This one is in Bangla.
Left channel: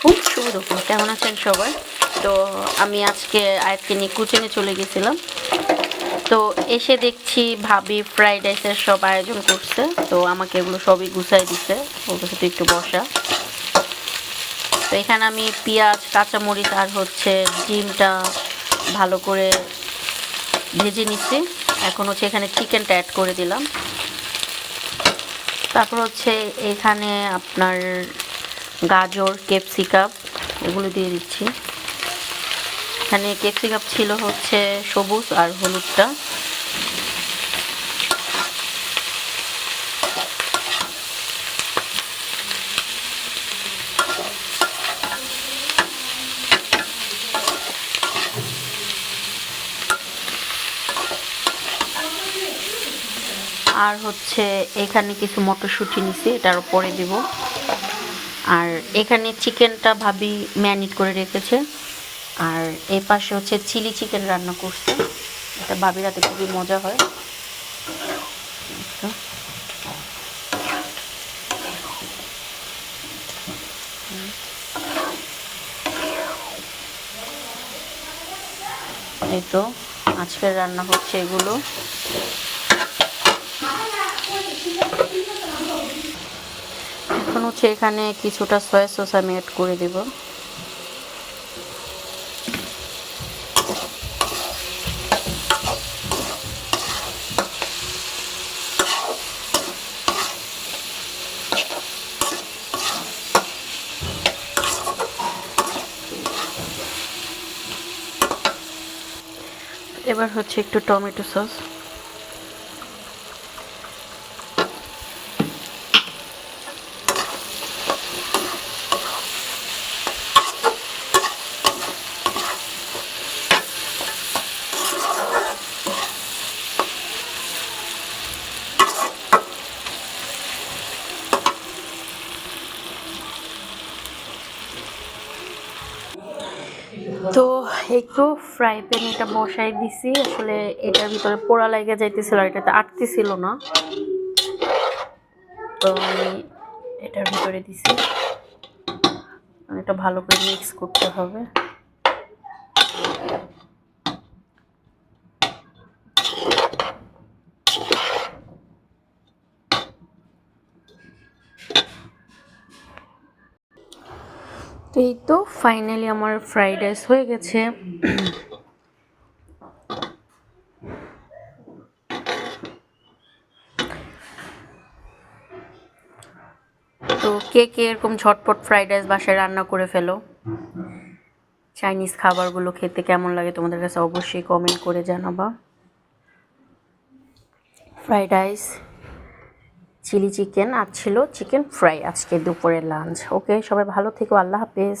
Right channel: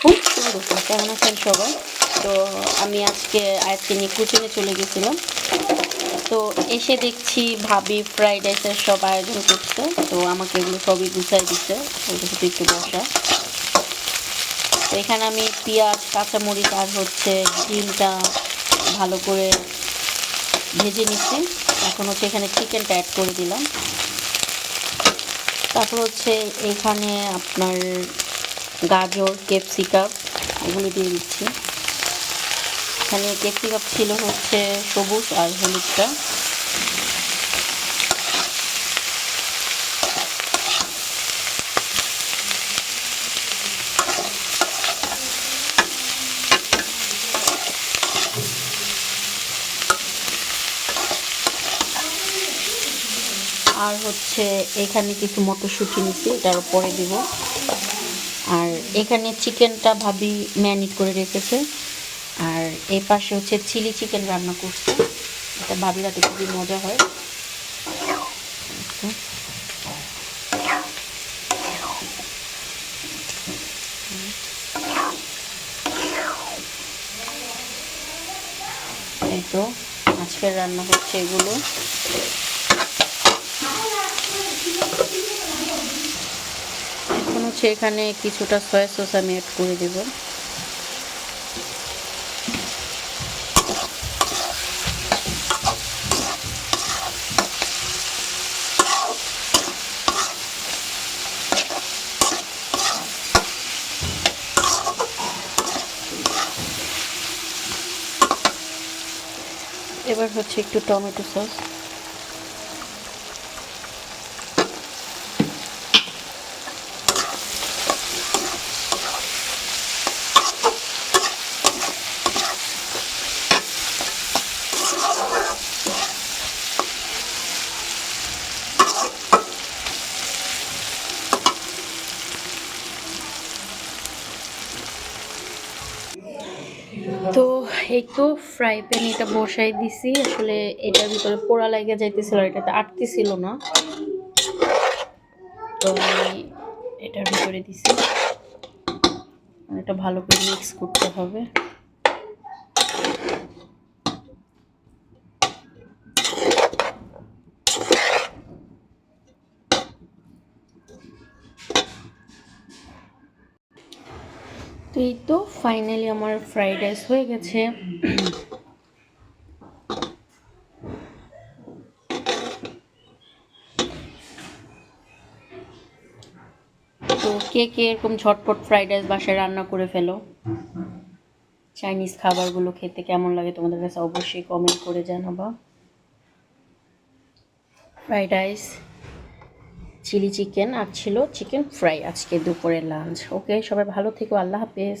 খুব সুন্দর। কেমন আছেন সবাই? তো আমি আজকে আয়াতকে নিয়ে কোচিংয়ে চলে গেছিলাম। তো এসে দেখছি ভাবি ফ্রাইড রাইসের সব আয়োজন করছে। তো আমাকে এগুলো সবই গুছাই দিচ্ছে, বলতেছে তুই একটু বসা। তো এখানে আমি পেঁয়াজ, কাঁচামরিচ আর হচ্ছে ডিমটা ভালো করে ভেজে নিচ্ছি। এখন হচ্ছে এখানে চিকেনটা অ্যাড করে দিলাম। তারপর হচ্ছে এখানে আপনার গাজর, ক্যাপসিকাম এগুলো দিয়ে দিচ্ছি। এখানে ক্যাপসিকাম ছিল হচ্ছে সবুজ আর হলুদটা। আর হচ্ছে এখানে কিছু মটরশুঁটি নিছি, এটার পরে দেব। আর এখানে চিকেনটা ভাবি ম্যারিনেট করে রেখেছে। আর এই পাশে হচ্ছে চিলি চিকেন রান্না করছে, এটা ভাবি রাতে খুবই মজা হয়। এই তো আজকের রান্না হচ্ছে এগুলো। এখন হচ্ছে এখানে কিছুটা সয়া সস আমি অ্যাড করে দেব। এবার হচ্ছে একটু টমেটো সস। তো এই তো ফ্রাই প্যান এটা বসাই দিছি। আসলে এটার ভিতরে পোড়া লাগে যাইতেছিল, এটাতে আটতেছিল না, তো আমি এটার ভিতরে দিছি। এটা ভালো করে মিক্স করতে হবে। তো এই তো ফাইনালি আমার ফ্রাইড রাইস হয়ে গেছে। তো কে কে এরকম ঝটপট ফ্রাইড রাইস বাসায় রান্না করে ফেলো? চাইনিজ খাবারগুলো খেতে কেমন লাগে তোমাদের কাছে অবশ্যই কমেন্ট করে জানাবা। ফ্রাইড রাইস, চিলি চিকেন আর ছিল চিকেন ফ্রাই আজকে দুপুরের লাঞ্চ। ওকে, সবাই ভালো থেকো, আল্লাহ হাফেজ।